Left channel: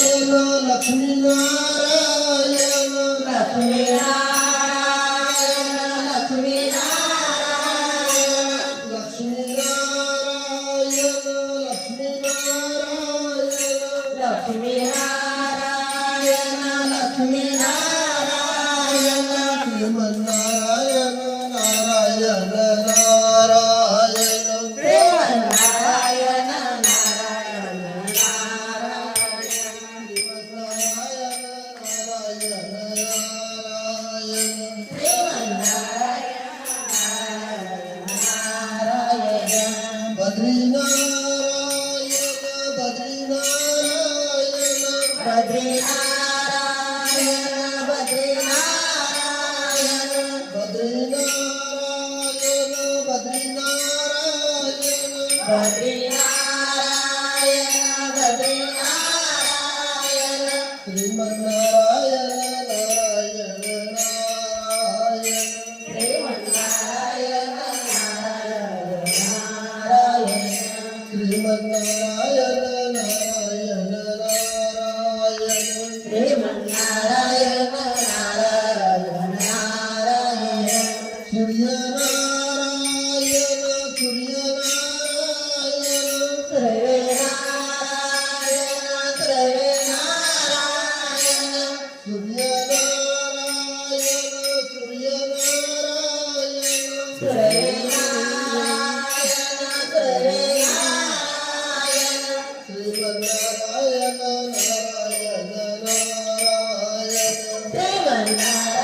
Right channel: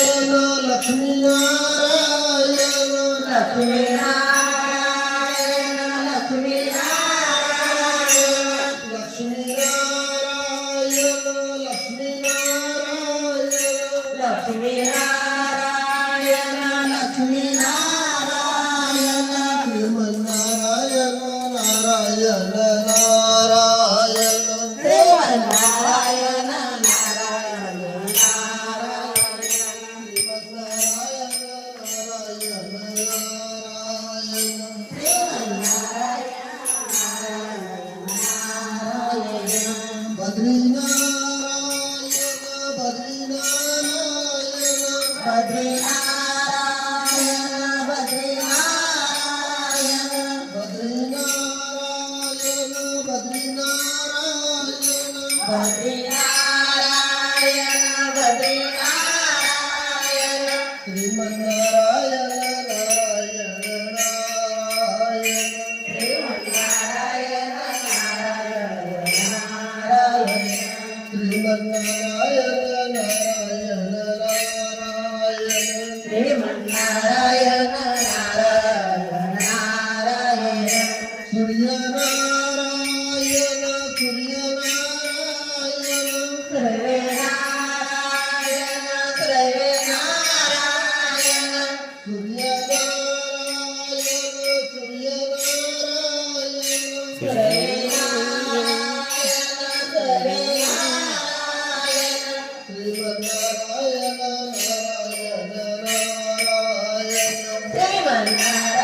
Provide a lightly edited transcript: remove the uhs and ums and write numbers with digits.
Lakshmi Narayan Lakshmi Narayan Lakshmi Narayan Lakshmi Narayan Lakshmi Narayan Lakshmi Narayan Lakshmi Narayan Sriman Narayana Narayan Narayan Sriman Narayana Narayan Narayan Badrinarayan Badrinarayan Sriman Narayana Narayan Narayan Sriman Narayana Narayan Narayan Sriman Narayana Narayan Narayan Sriman Narayana Narayan Narayan Suryanarayan Suryanarayan सर्वेनारायण Suryanarayan Suryanarayan Sriman Narayana Narayan Narayan Sriman Narayana